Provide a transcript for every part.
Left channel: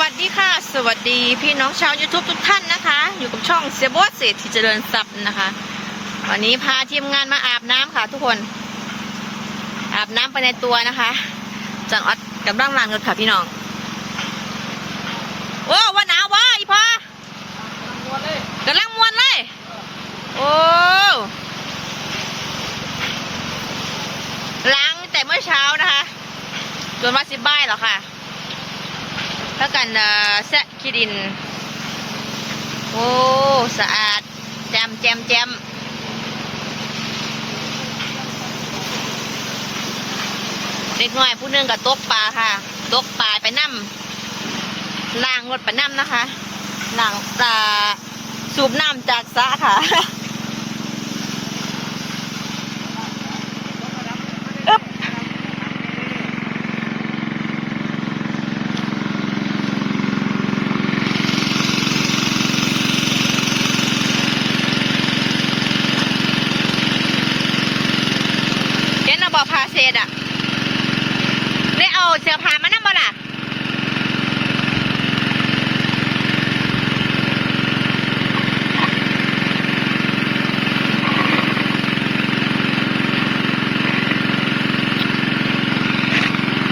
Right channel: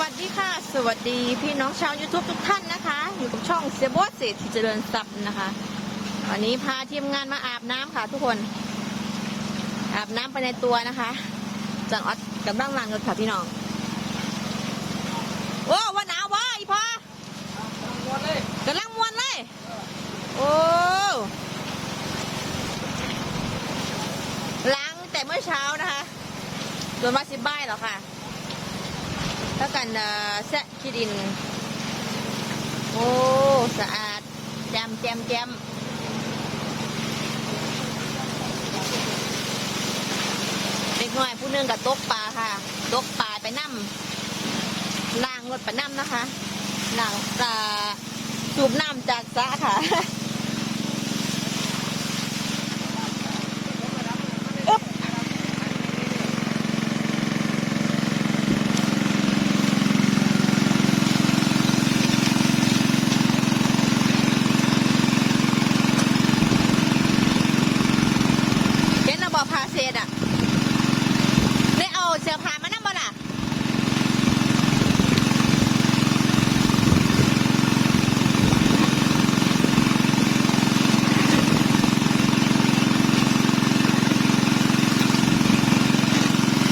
วัสดีค่ะ สวัสดีพี่น้องชาว YouTube ทุกท่านนะคะ อยู่กับช่องเสียโบสเศรษฐีเจริญทรัพย์นะคะ วันนี้พาทีมงานมาอาบน้ำค่ะ ทุกคน อาบน้ำไปในตัวนะคะจังออดกำลังล้างรถค่ะพี่น้องโอ้ว่าหนาววะอีพอกำลังมวนเลยโอ้ล้างแต่เมื่อเช้านะคะจนว่าสิบบ่ายแล้วค่ะ แล้วกันเอ่อแซะขี้ดิน โอ้สะอาดแจมแจมแจมเด็กน้อยผู้นึงกับตกปลาค่ะ ตกปลาไปนั่มล่างรถไปนั่มนะคะล่างปลาสูบน้ำจากสะค่ะ อึ๊บ เห็นระบอกพาเศษอะ ได้เอาเสื้อผ้ามานั่งบ่ล่ะ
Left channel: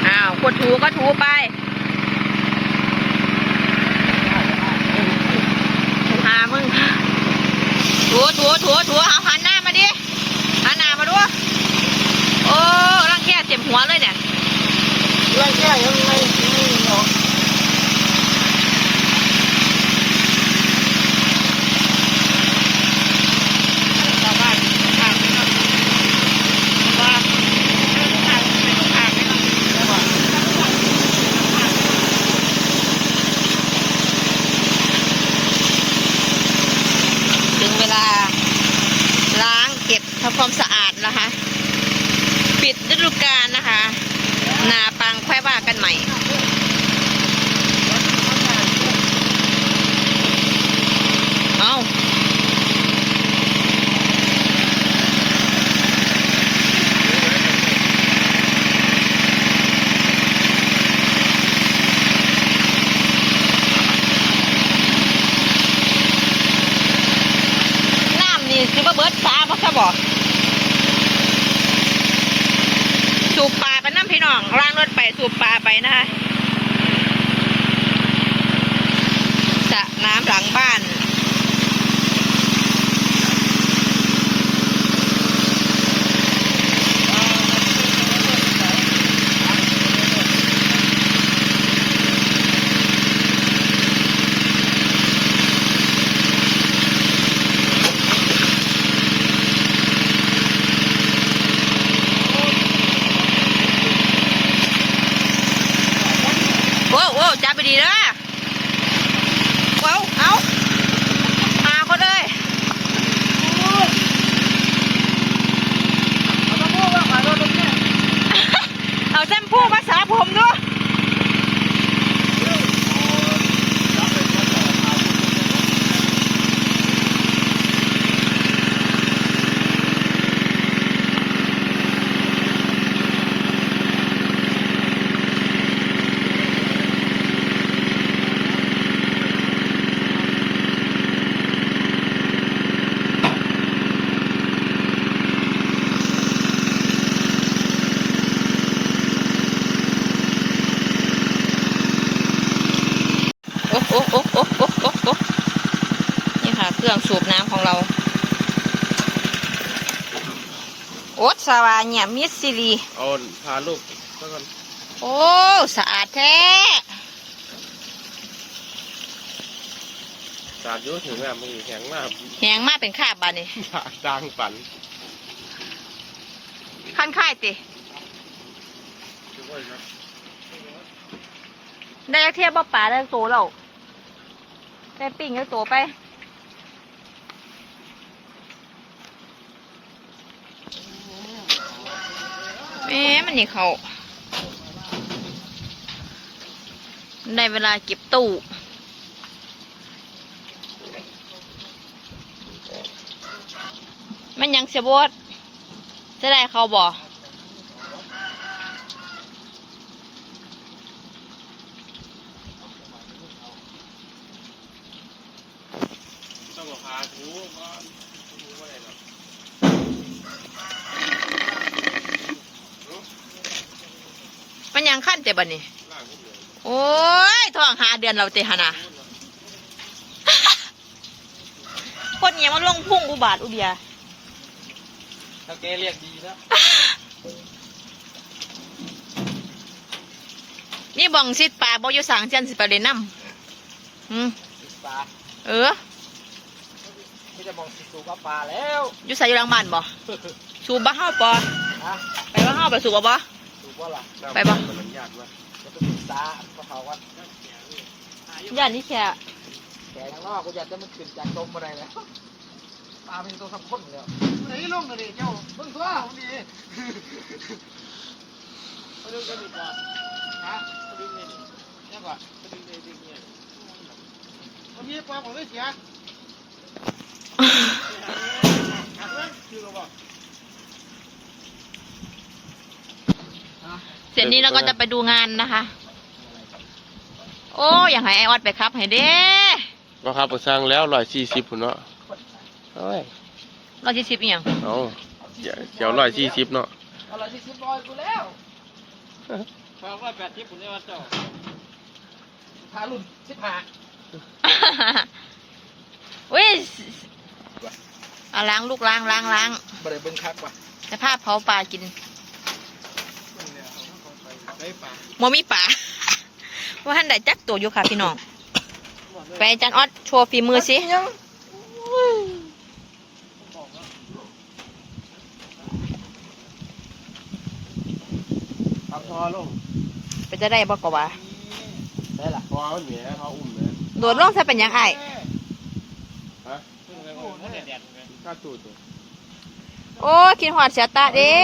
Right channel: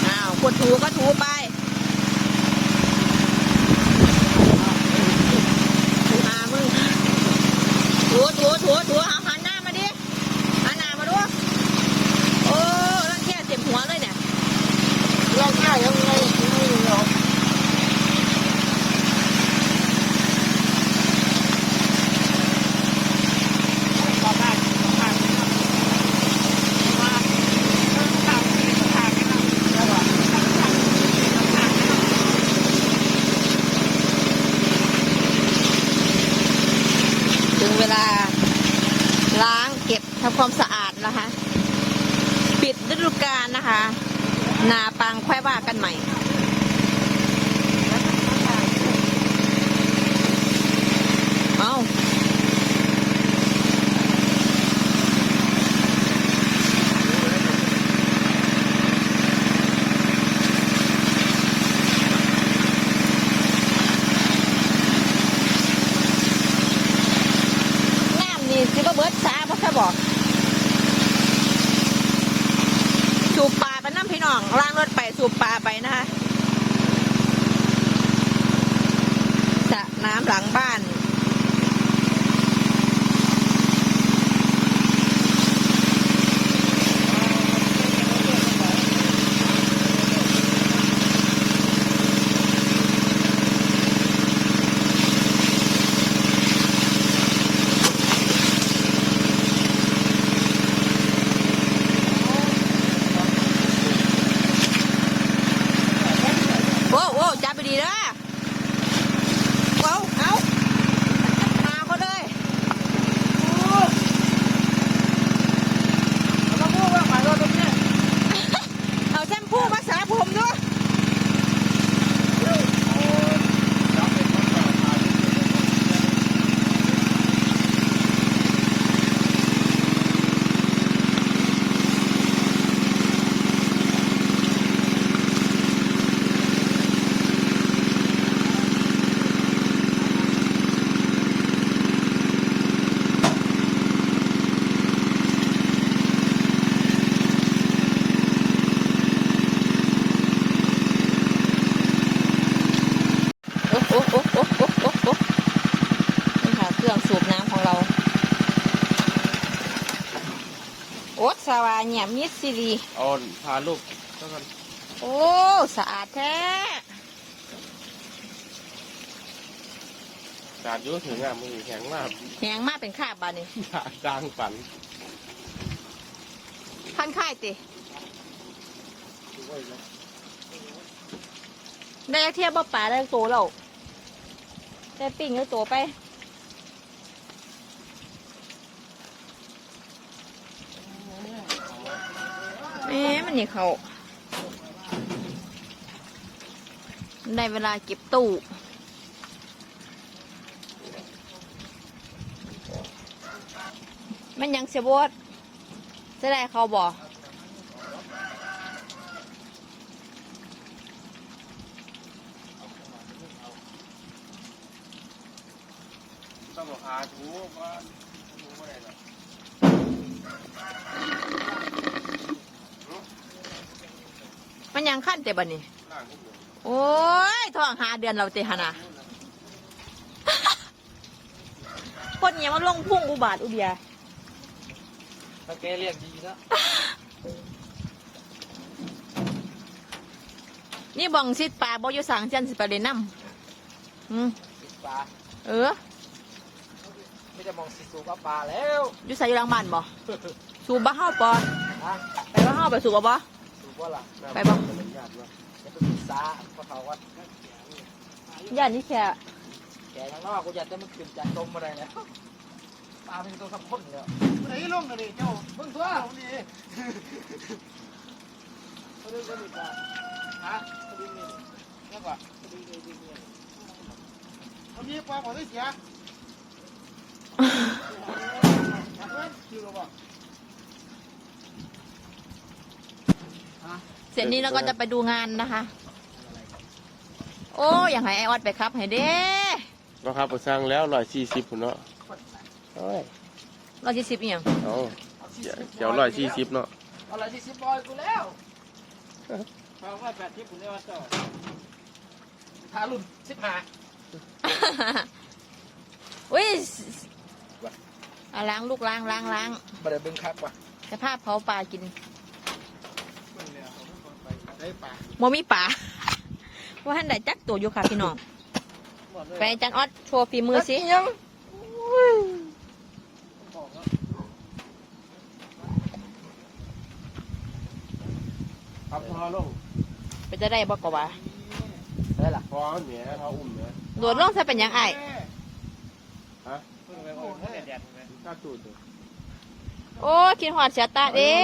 อ้าวคนถู ก็ถูไปหามึงถูถูถูถูเอาหันหน้ามาดิหันหน้ามาดูโอ้รังแค่เจ็บหัวเลยเนี่ยร่างแก้ยังไงไม่หรอก ถึงเวลา ล้างเก็บทำความสะอาดนะคะ ปิดฤดูกาลนะคะ นาปังค่อยว่ากันใหม่เอาน้ำนี่คือว่าเบิร์ดฟ้าเพราะเขาบอก สูบปลาไป น้องล่างรถไปสูบปลาไปนะคะสระน้ำหลังบ้าน โว้วโว้วจับไป ดีนะว้าวเอาหาคนเลย เอาแชมพูมาสระผมด้วยโอ้โอ้โอ้โอ้โอ้โอ้โอ้นี่ค่ะ เค รื่องสูบน้ำของเรา โอ๊ตสวาเนี่ยมิสซิลีเอาพาลูกก็ทโอ้สะอาดแท้ำการยุ่ถึงอะมือแข็งมากแหงมากเป็นข้าบานนี่ดังฝันขั้นค่ายติได้เทียบบ่ป่าได้โตแล้วได้ปิ้งได้โตไป มันนี่เขาได้เวลาเก็บตู้มันยังเสียบดจะได้เขาบอก ยังขั้นแต่บัดนี้ล่างก็เหมือนโอ้ยท้องหาเดือนเราเตะหนนะคนเนี้ยมันลงพุ่งอุบาทอุเบียถ้าแกเรียกดีนะนี่บองซิดปลาบอยู่สังเจนสิไปเลยนำอืมปลาเออไม่จะมองสิสูบปลาแล้วอยู่ใส่อยู่หลังบ้านบ่สูบบ้าเฮาปอนะไปบ้าเฮาไปสูบบ่บ่สูบ ว่าล่ะไปบ่ มันยากด้วยจะไปศึกษาพอเขาวัดย่านนี้แค่แกยังนอกกูอยากจะมันขึ้นจากจมอะไรแล้วปลาเป็นตัวสำคัญแล้วไหนลงกันดิเจ้ามึงตัวดีเขาดึงกันดีกว่าฮะเขาดึงนี่นี่กว่าเขาดึงนี่ดึงนี่เขามีปลาของได้เสียหักเว้ยคือ เราบอกเสร็จนี้เราก็จะไปดูงานนะคะ โอ้อยากให้ไอออดไปครับ ให้เด้ก็ครับสร้างแล้วร้อยสี่สิบพุ่นเนาะเอ้ยร้อยสี่สิบอีหยังเอาเดี๋ยวเดี๋ยวร้อยสี่สิบเนาะอะไรที่สิบร้อยกูแล้วสองร้อยแปดสิบพุ่นเนี่ยว่าเจ้าพารุ่นสิบห้าอุ้ยเอาล้างลูกล้างล้างล้าง บ่ได้เบิ่งคักว่ะ จะพาเผาปลากินไม่ปลาโมมีปลาว่าท่านได้จักตัวอยู่ค่ะพี่น้อง ไปอาจันออดโชว์ฝีมือสิ ครับพอลงไปจะได้บอกว่าได้ล่ะพอเขาเหนียเขาอุ้มเลยโดดลงใส่เป็นหยังไงฮะเพิ่งไปโอ้โหแดดๆเลยข้าตูดเลยโอ้ยคิดหอดเสียตาเด้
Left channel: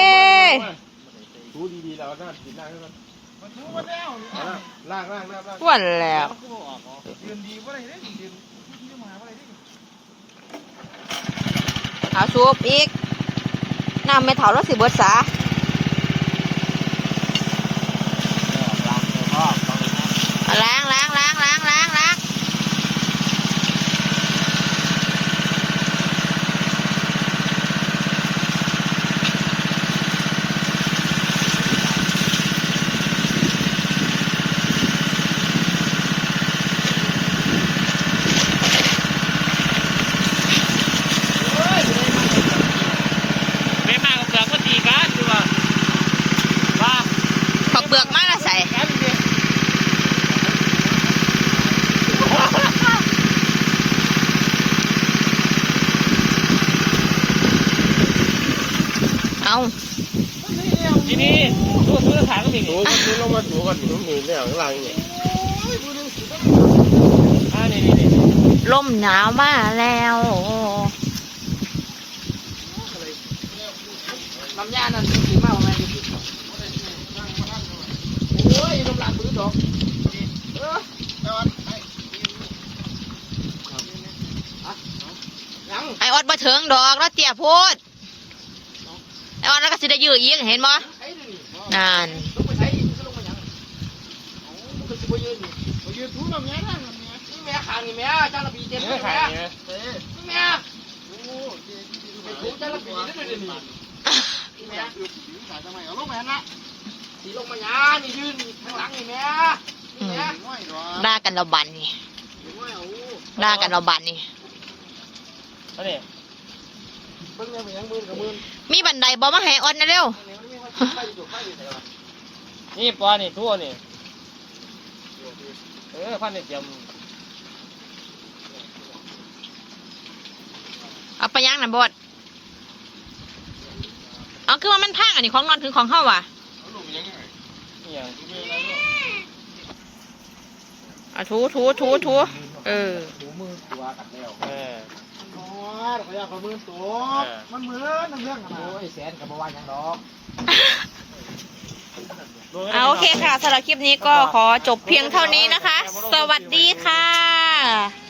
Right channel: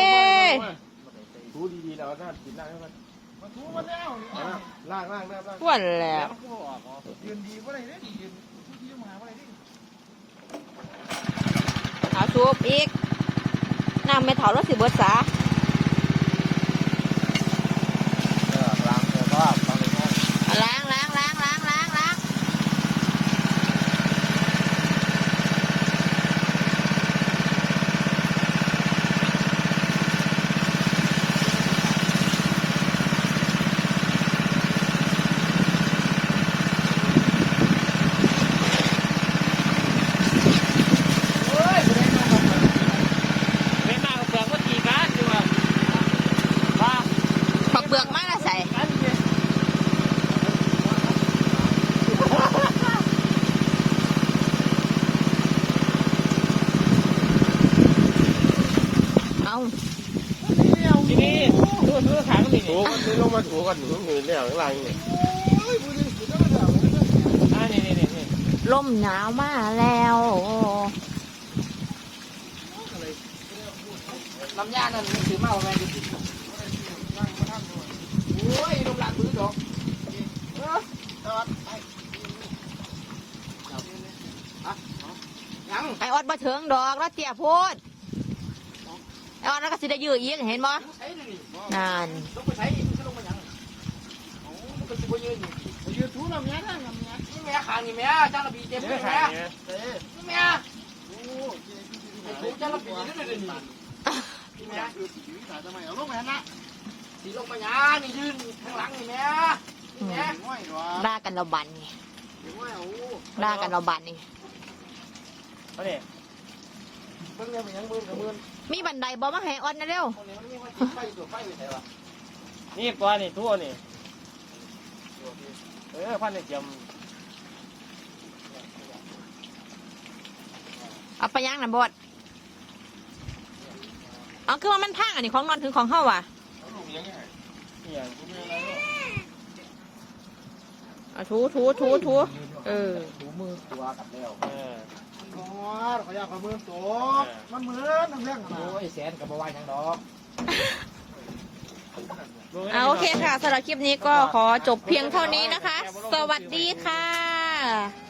ถูดีๆแล้วก็กินล่างให้มันมันถูมาแล้วล่างล่างล่างล่างส่วนแหล้วมันก็ออกอ๋อยืนดีก็ได้เนี่ยยืนยืนมาก็ได้เอาซูบอีกน้ำไม่เถาแล้วสิเบิดสา เออล้างเดี๋ยวก็ต้องเลยนะ เอาล้างล้างล้างล้างล้างล้างโอ้ยบ่ได้มา ไม่มากกับเสือก็ตีกันดูว่าว่า ขอกเบือกมาและใส่ กันดิ เอา ทีนี้ดูดูฐานก็มีถูกันดูลงมาถูกันหนุนหนุนเนี่ยข้างล่างเนี่ยอ่านี่นี่นี่ลมหนาวมาแล้วลำยานั่นถือมาประมาณกี่ปีโอ้ยลำลานปืนดอกเออจอดไปยังไอออดบ่ถึงดอกแล้วเตี้ยโพดไอออดแล้วก็สิได้ยื้ออีกเห็นบ่ใช้ดิ นานลงไปใช้ดิลงไปยังโอ้มันก็จะไปยืนนี่ายืนถูลำเนี้ยนั่งลำเนี้ยนี่แม่ขางนี่แม่จ้าระบีเต็มเลยขาแม่เนี่ยเออนี่แม่โอ้เจ๊ที่ดูไอ้หาถูจ้าระบีนี่นี่นี่นี่แม่แม่คือผีสายทำไมเอาลูกแม่นะสีลงมาหยานี่ยืนข้างหลังนี่แม่นี่แม่ง่อยหรอด่ากันเราบันนี่ง่อยเอาด่ากันเราบันนี่เฮ้ยเพิ่งเนี่ยมันยังมือกับมือ มีบันไดบ่มาให้ออดนะเร็วอันนี้มันไม่ว่าไฟอยู่ไฟอยู่ไหนวะนี่ปลานี่ทั่วนี่เออพันเนี่ยจเอาไปย่างน่ะบดเอาคือว่ามันพังอันนี้ของนอนถึงของเฮาว่ะำอย่างเอาถูถูถูถูเออ ถูมือตัวกัดแล้วเออ อ๋อขยับขมือตัวมันเหมือนน้ำเลี้ยงนะโอ้ยแสนกับบัวยังดอกเอาโอเคค่ะสำหรับคลิปนี้ก็ขอจบเพียงเท่านี้นะคะ สวัสดีค่ะ